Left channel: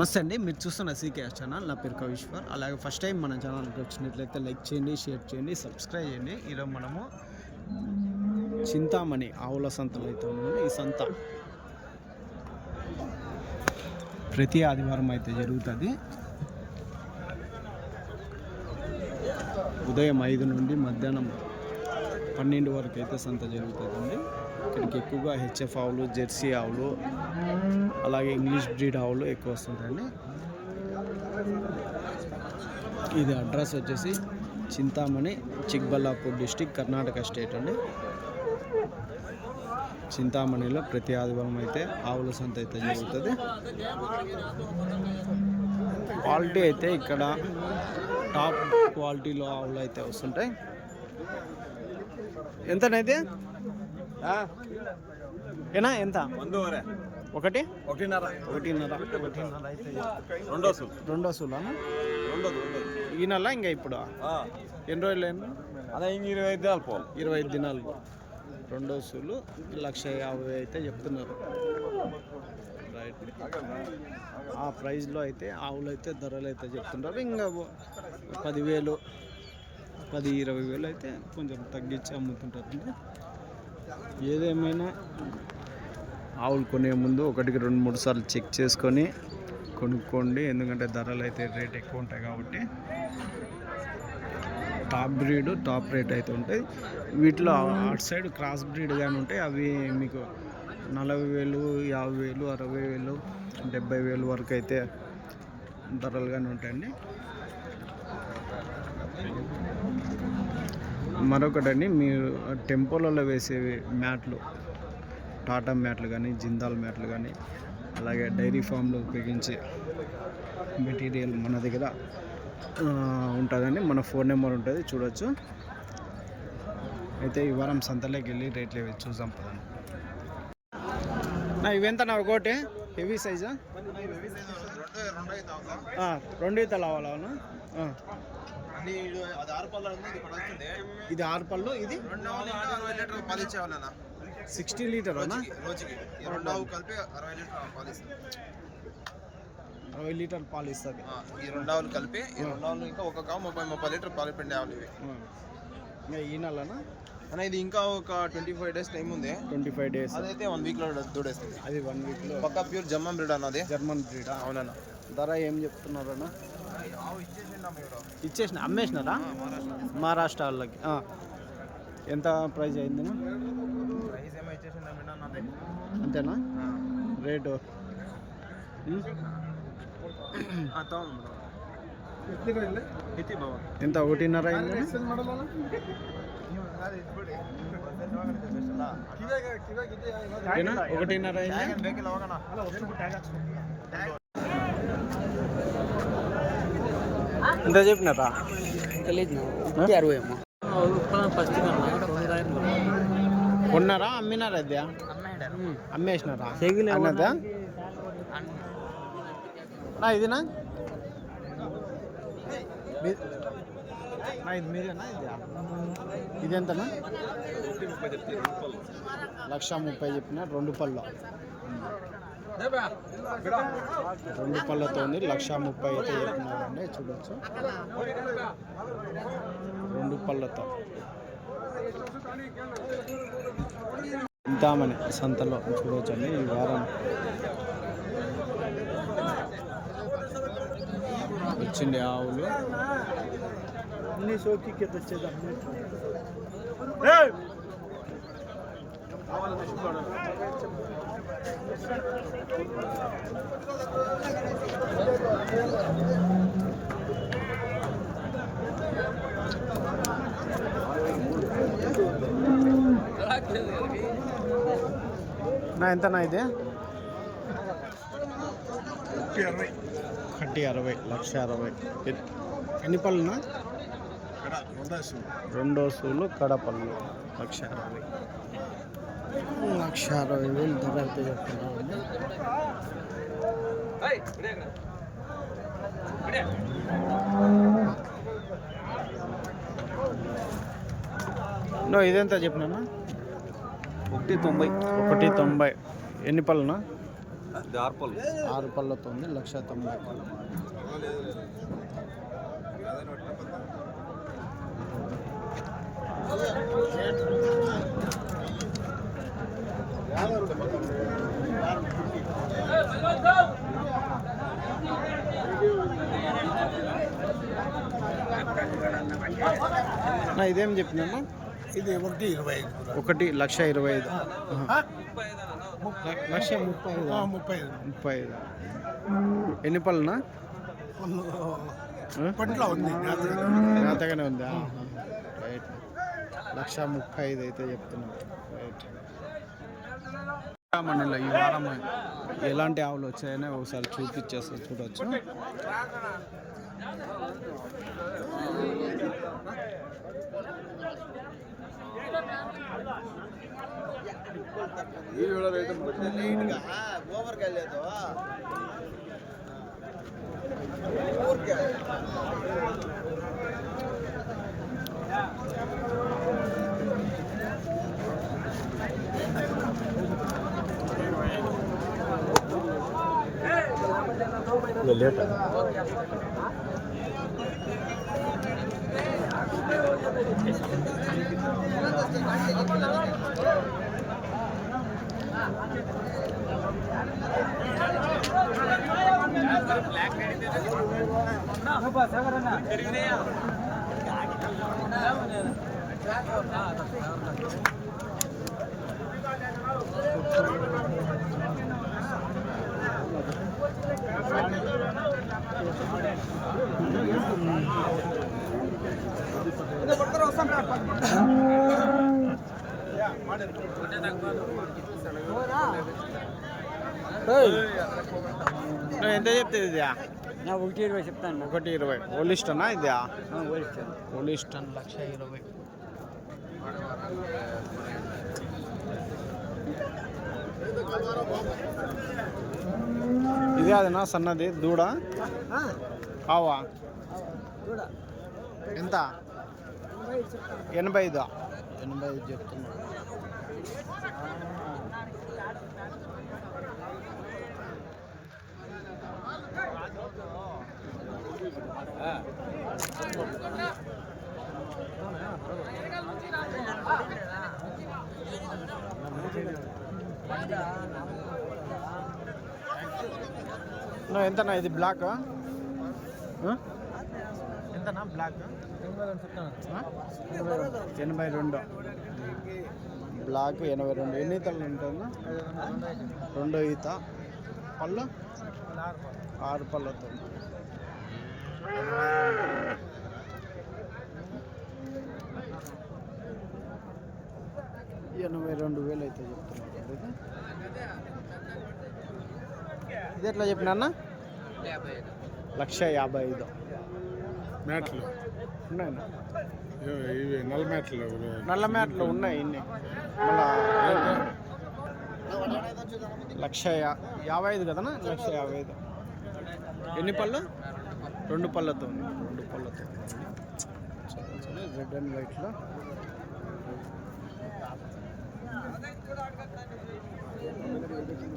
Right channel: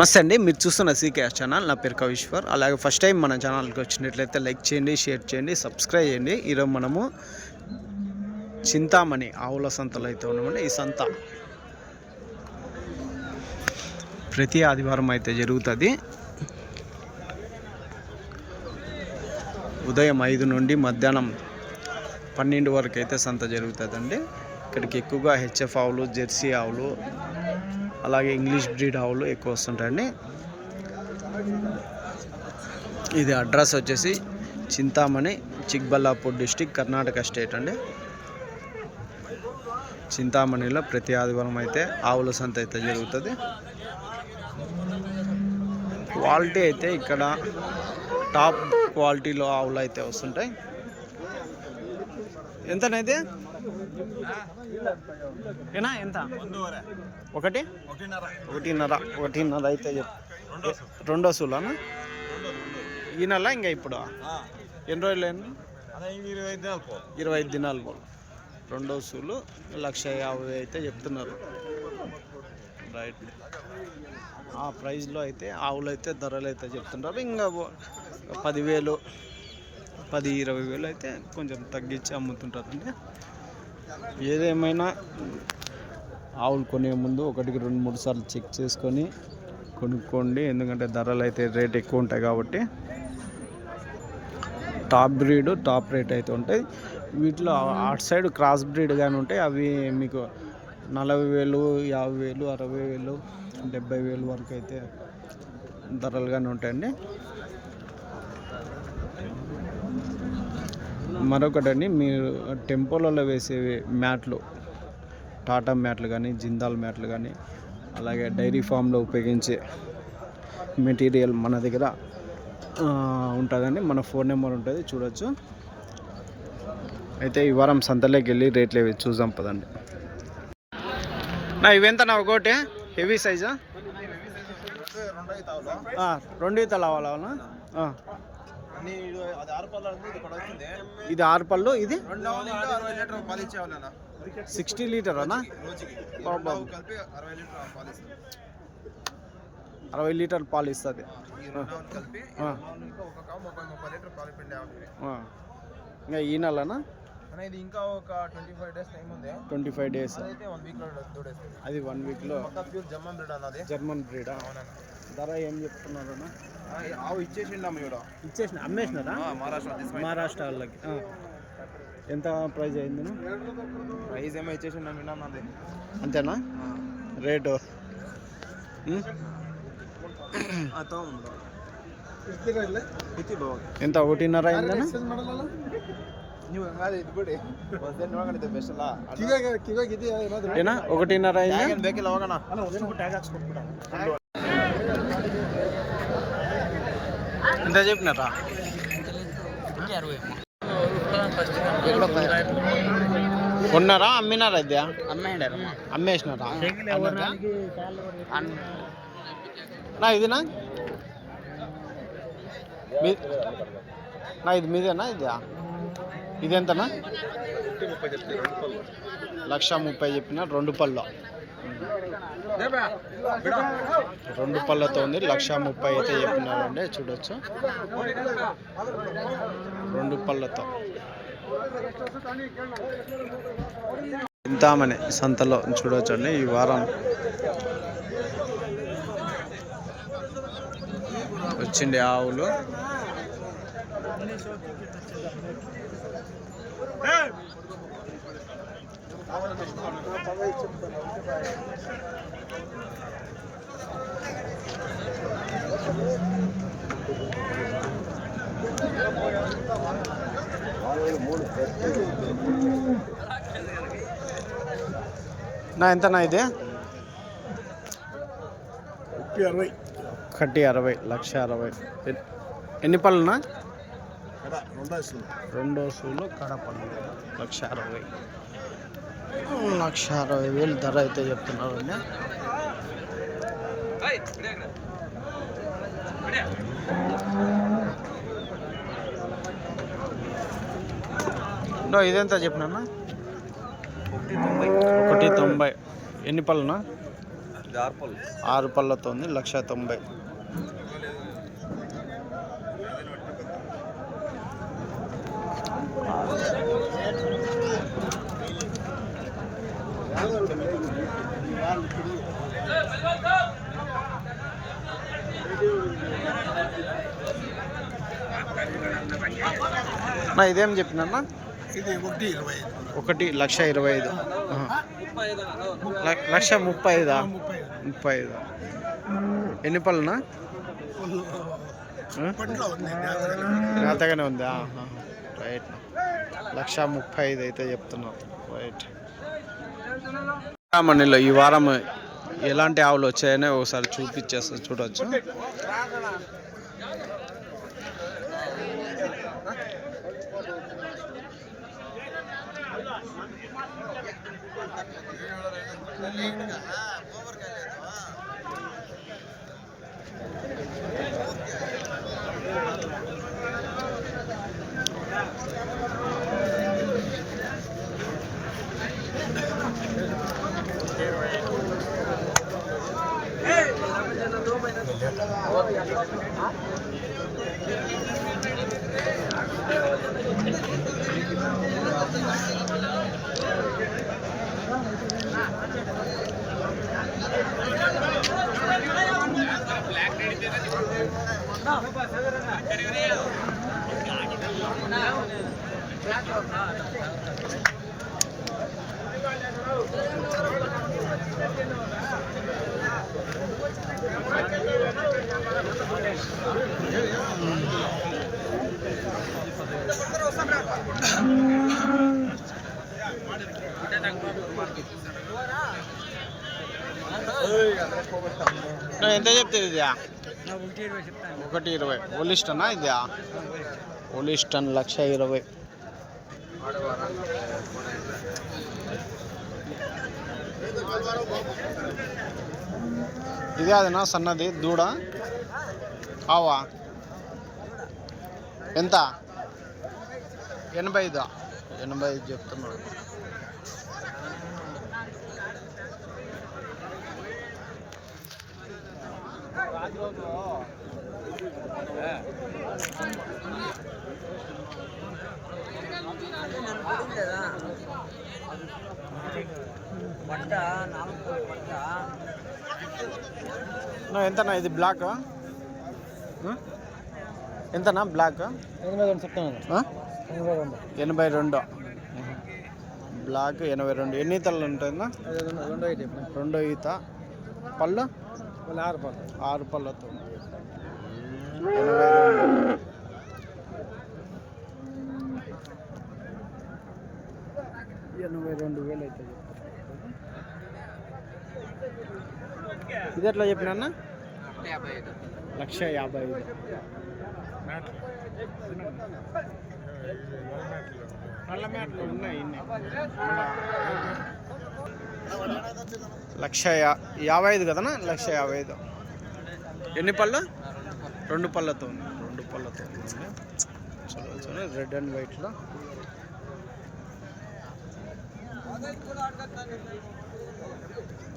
నమస్తే అండి, మీరు చూస్తున్న సీకేఎస్ ఛానల్. నా పేరు కవిశ్వర్. అలాగే ఫస్ట్ టైం మన ఛానల్కి వచ్చినట్లయితే లైక్ చేయండి, షేర్ చేయండి, సబ్స్క్రైబ్ చేయండి. ఈరోజు మనము చింతామణి ఆవుల సంతలో అయితే ఉన్నామండి. ఈ సంత ప్రతి ఆదివారం అయితే జరుగుతుంది. ఉదయం 5 నుండి మధ్యాహ్నం 12 వరకు అయితే సంత జరుగుతుందండి. ఇక్కడికి ఎక్కువగా హెచ్ఎఫ్ ఆవులు, జెర్సీ ఆవులు, అలాగే ఇంగ్లీష్ బ్రీడ్ ఆవులు ఎక్కువ వస్తుంటాయండి. ఇది అడ్రస్ వచ్చేసి చింతామణి, చిక్బల్లాపూర్ డిస్టిక్, కర్ణాటక స్టేట్ అండి. చింతామణిలో ప్రతి ఆదివారం అయితే ఆవుల సంత అయితే జరుగుతుంది. క్వాలిటీ అయితే ఇక్కడ టాప్ క్వాలిటీలో ఆవులు అయితే వస్తుంటాయి. ఎంతనైతే ఏనా ఎంత? ఒకటిన్నర అయితే రెండో సూలానా ఈ నెల? ఇంకా ఇప్పుడు ఎన్ని రోజులు అయింది? 25 దినాలు పోలు. రెండో సూలు 1,50,000 అయితే చెప్తున్నారు. రైట్, ఆ ప్రైస్లో అయితే ఆవులు అయితే ధరలు అయితే చెప్తున్నారు. ఇంకా 10,000, 10-20,000 అయితే కొంచెం తగ్గించి అమ్ముతుంటారండి. ఏదేమైనా ఆవులు కొనే ముందు 1-2-3 సార్లు చెక్ చేసుకొని కొనుక్కోండి. ఎందుకంటే ధరలు అయితే రేట్ ఎక్కువ ఉంటాయి కాబట్టి. టాప్ బ్రీడ్, టాప్ రేట్ అయితే ఉంటాయి. వీటిలో అటు సైడ్ క్రాస్ బ్రీడ్ కానీ ఉంటాయి. అవి మీకు 40,000, 50,000, 60,000, 70,000 వరకు అయితే ధరలు కానీ ఉంటాయండి. మరొకటండి, మీరు టెంపోలలో వేసే మ్యాట్లు, టాటా మ్యాట్లు కానీ, జిందాల్ మ్యాట్లు కానీ, అలాగే డైరీ ఫామ్లో ఉపయోగించే మెటీరియల్ మన దగ్గర ఉంటుందండి. మన ఫోన్ నెంబర్ ఉంటుంది, చూడొచ్చు. అయితే ఈ వారం సంతలోకి వెళ్ళి రేట్లు ఇవి చూసాం పదండి. నా ఇవెంత? నా ఒకటి హెవీ సైజా? 2 ఈతలు అవ్వాలన్నా? ఇది 6 పళ్ళు. ఇది 60 లీటర్ అన్నా? 60 లీటర్ పాలు ఇస్తుంది. ఇంకా ఈ నెలనా? ఇది ఇంకా ఒక 25 డేస్ టైం ఉంది. 25 డేస్ అయితే 1 వీక్ లో దూడేస్తుంది. అది 1 వీక్ లో. పక్కా ప్యూర్ జర్మన్ బ్రీడ్ అన్నది. జర్మన్ బ్రీడా? అవునన్నా. ధర ఏం చెప్తున్నారు అన్న? ఇచ్చేసిన అమ్మేసినారా? మహారాష్ట్ర వాళ్ళకి. ఎంత ప్రైజ్ అయింది? ప్రైజ్ ఏమో ఇచ్చేసిన విన్నాను. అంతేనా రేటు? ఎంత? 1.5 అయిందనా? ఏనా 1.5 అయిందా? ఎంత చెప్పినారా? కొన్నారా? అమ్మినారా? ఇది అమ్మేసినారా? నా ఇదినా? నా ఇది మీదేనా? ఇది ఎంతనా? 1,30,000 చెప్పిన. 2 పళ్ళు, 2 పళ్ళతో ఉంది. 1,30,000 అయితే చెప్పినారండి. చూడొచ్చు, 2 పళ్ళతో. చింతామణి సంతలో చూడవచ్చు అండి. ఈ వారం వచ్చిండే ఆవులు నా ఎంతనా? ఇది 1,60,000, 1,60,000. ఎన్ని పళ్ళునా? రెండో సూలు కడపళ్ళు. 1,60,000, 1,60,000 ధర అయితే చెప్తున్నారండి. ఇదెంత చెప్పినా? 190. ఎన్ని పళ్ళునా? 6 పళ్ళతో ఉంది, 1,90,000. నా ఇదేం చెప్పినా ఇది 1,25,000. 1,35,000. 35. ఎన్ని పళ్ళునా? మేతగానే ఉందా? రైట్. 1,35,000 అయితే చెప్తున్నాం. రైట్. మనలో ఈ వారం ఎలాంటి ఆవులు వచ్చాయని ఒకసారి చూపించేస్తా, చూడవచ్చు. ఎంత చెప్తుంది ఇది? 1,20 చెప్తాను. 1,20,000. ఓలిస్టనా ఇది? ఓలిస్టన్ 1,20,000. ఇది అదేనా సన్నది దూడ? కావా? ఎంత? 85. 85 చెప్తున్నాడు. ఎంతనా ఇది? బ్లాక్ ఎంతనా? బ్లాక్ 82 చెప్తాను. 82. బ్లాక్ 82. ఎన్ని ఈతలు ఉంటుందా? 2 ఈత. పళ్ళు 6 పళ్ళతో 82. 82,000 అయితే చెప్తున్నారు. ఇది ఎట్లా చెప్పినా? 1,55,000. నల్ల మ్యాట్లు ఉన్నాయి ఇన్ని. మళ్ళా 1,55,000 కదనా? 1,55,000. ఎన్ని పళ్ళు? 2 పళ్ళతో ఉంది. 2 పళ్ళతో ఉంది. చూడవచ్చు రెడ్ అండ్ వైట్లో.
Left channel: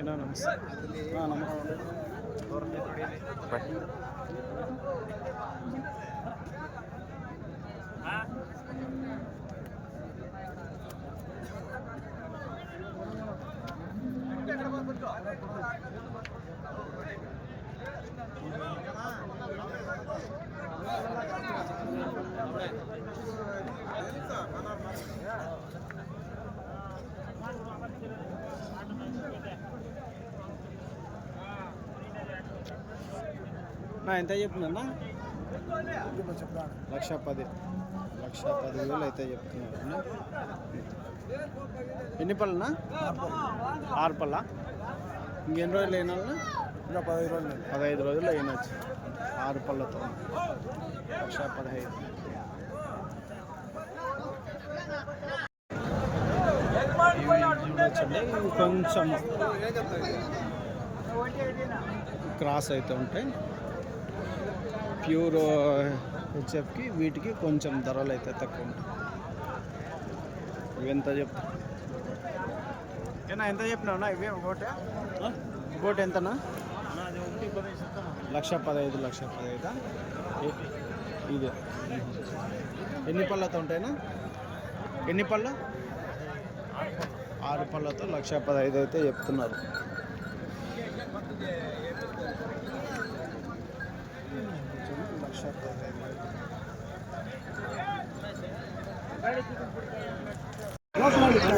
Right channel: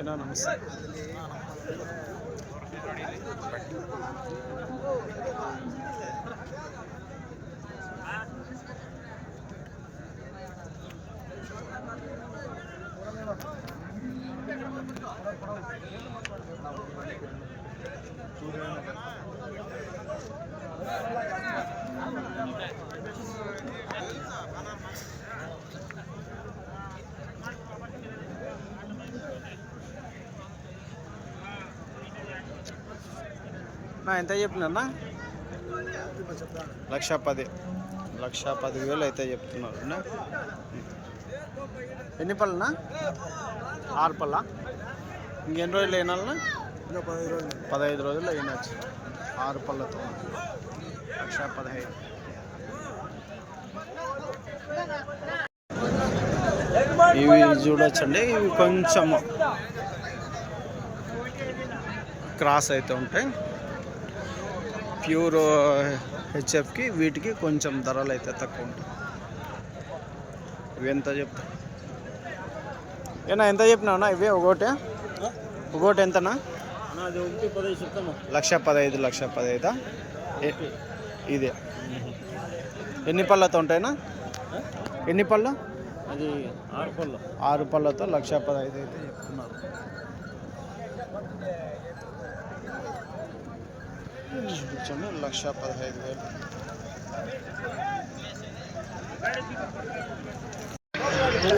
ఏనా? నమస్తే. ఎంత చెప్పినా? 1,10,000. 1,10,000 అయితే చెప్తున్నారు. ఎన్ని పళ్ళనా? 6 పళ్ళ. ఇంకెన్ని రోజులు అయినా? 15 రోజుల్లో అయినచ్చు. 6 పళ్ళతో 1,15,000. ఇవి చూడొచ్చండి. ఇవి కొంచెం క్రాస్ అయితే ఉంటాయి. ప్యూర్ హెచ్ఎఫ్కి వీటికి కొంచెం ధరలు అయితే తక్కువ ఉంటాయి. ఇవి ఎంత చెప్తా? ఏనా ఎంత చెప్పినావునా? ఇవి ఒకటి ఒకటి ఎంతనా? అది 1,15 చెప్తాను. 1,15,00,000 ఇదే. ఎన్ని పళ్ళతో ఉంటాయినా? ఎన్ని పళ్ళు? అది 6 పళ్ళు. 6 పళ్ళతో 1,15,000 అయితే చెప్తున్నారు. చూడండి 1,15,000.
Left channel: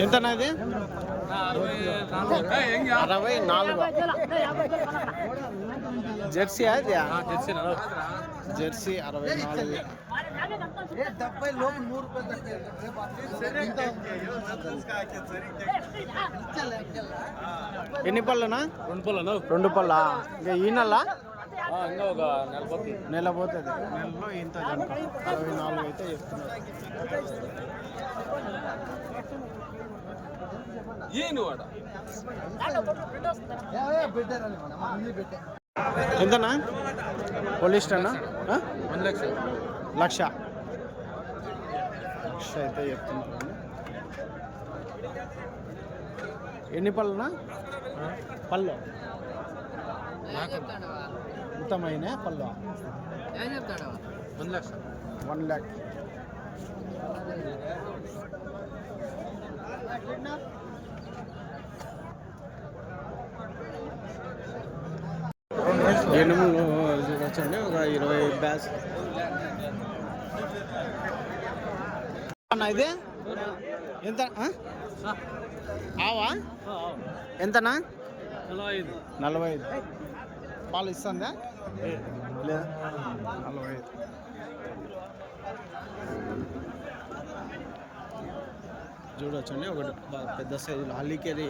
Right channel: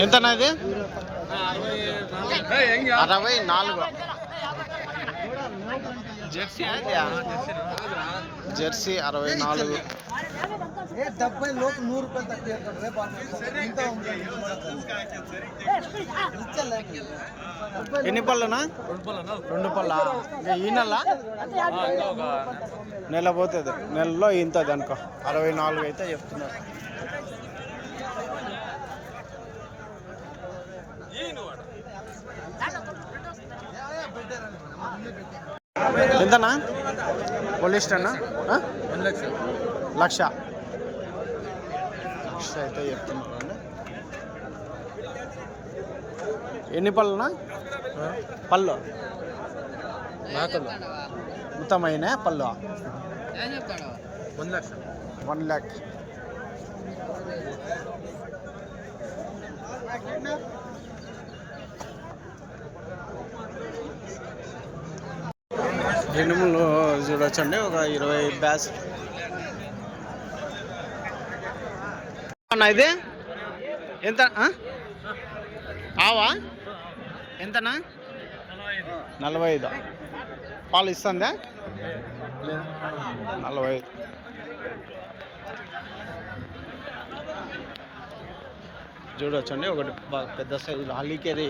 ఎంతనా ఇది? 64. జెర్సీ అది జెర్సీ 64. 70 లోపు 100 రూపాయలు తక్కువ. ఎన్ని పళ్ళునా? 2 పళ్ళా? ఈ నెల నెల పోతుంది. నెలలో ఇంత అనుకో 64 అయితే చెప్తున్నారు. ఎంతనా? పోలిస్టర్నా? 1,00,000 అయితే చెప్తున్నారు అండి. ఎన్ని పళ్ళునా? పళ్ళు మొత్తం అయినా పళ్ళు 1,00,000. ఎనుములు చూడొచ్చండి, ఒక 20 బ్యాచ్. ఇది ఎంత? ఆవా ఎంతనా? 45. పాలు ఇస్తుందా? 45. చూడొచ్చండి, ఒకటి బాగా పెద్ద సైజులో హల్లీకేరి.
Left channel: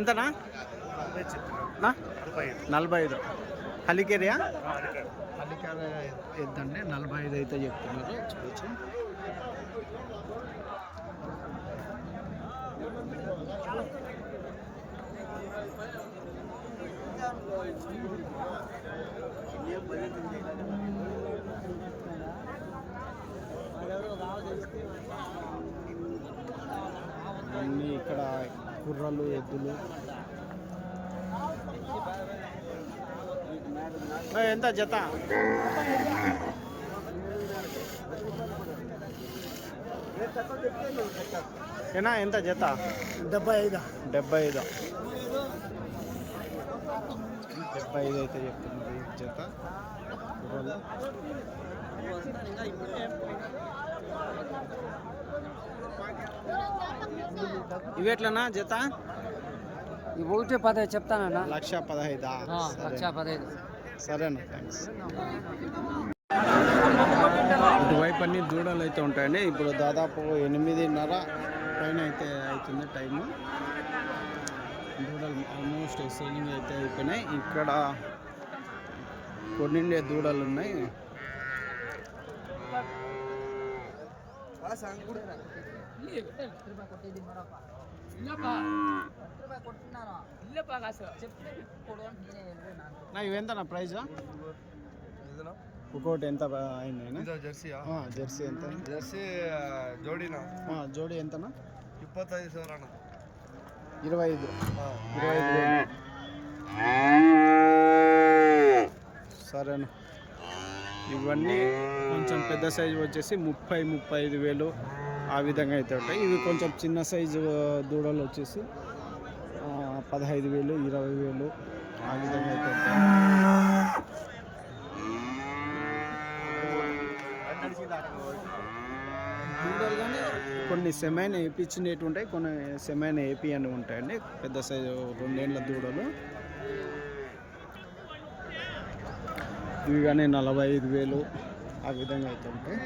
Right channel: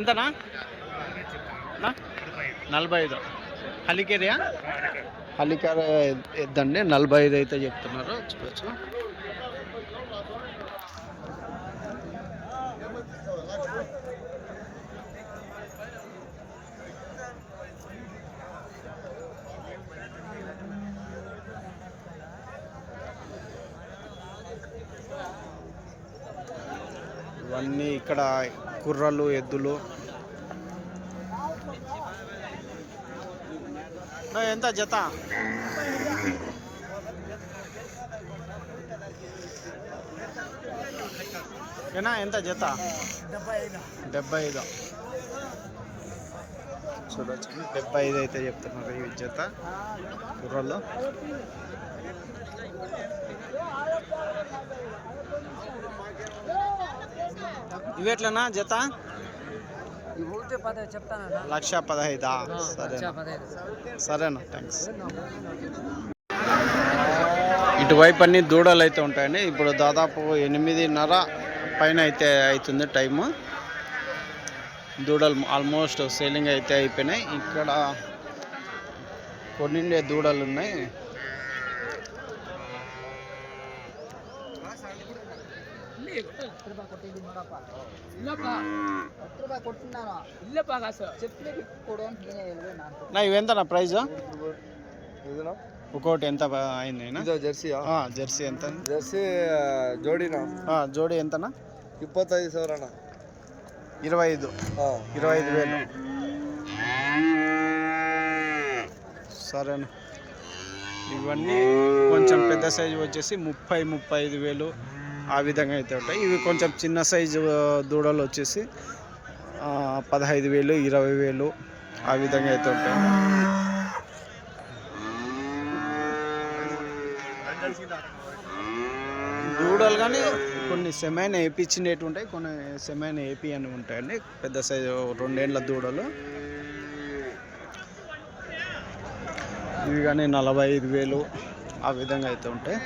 ఎంతనా? 45. హల్లీకేరియా? హల్లీకేరి ఎద్దండి, 45 అయితే చెప్తున్నారు. చూడొచ్చు. ఇవన్నీ ఇక్కడ కుర్రలు, ఎద్దులు. ఎంత జత? ఏనా ఎంత జత? 75. చూడొచ్చు, 75 అయితే చెప్తున్నారు ఈ జత కుర్రలు. ఇవి ఎట్లనా జత? 1,15 చెప్తానన్నా. 1,15,000. సరేనా, సరేనా, థ్యాంక్స్. ఇటువైపు అన్ని దూడలు అయితే ఉంటాయండి. ఇప్పుడు దాదాపు 8:30 పైన అయితే అవుతుంది టైము. దూడలు ఆల్మోస్ట్ సేలింగ్ అయితే అయిపోయినాయి. ఇక్కడ కొన్నిండే దూడలు ఉన్నాయి. ఇవెంతనా ప్రైజ్? ఒకటి ఎంత అయింది? జెర్సీ జెర్సీ ఎంత? జెర్సీ జోడీనా? జోడీ ఎంతనా? 25,000. 25,000. సరేనా. ఇవన్నీ కొంచెం పెద్ద సైజు వచ్చేసి 30,000-35,000 ఆ విధంగా అయితే ఉంటాయి. ఇవి కొంచెం చిన్న సైజు దూడలు వచ్చేసి 15,000, 20,000 ఆ విధంగా అయితే ఉంటాయి. దూడలు కానీ కొన్ని సెమైన్ వేయించినట్టు ఉంటాయి, కొన్ని సెమైన్ ఏపీ అని ఉంటాయండి. పెద్ద సైజు 2 ఏళ్ళ దూడలు ఇవి కానీ 45,000 ఆ విధంగా అయితే ఉంటాయి.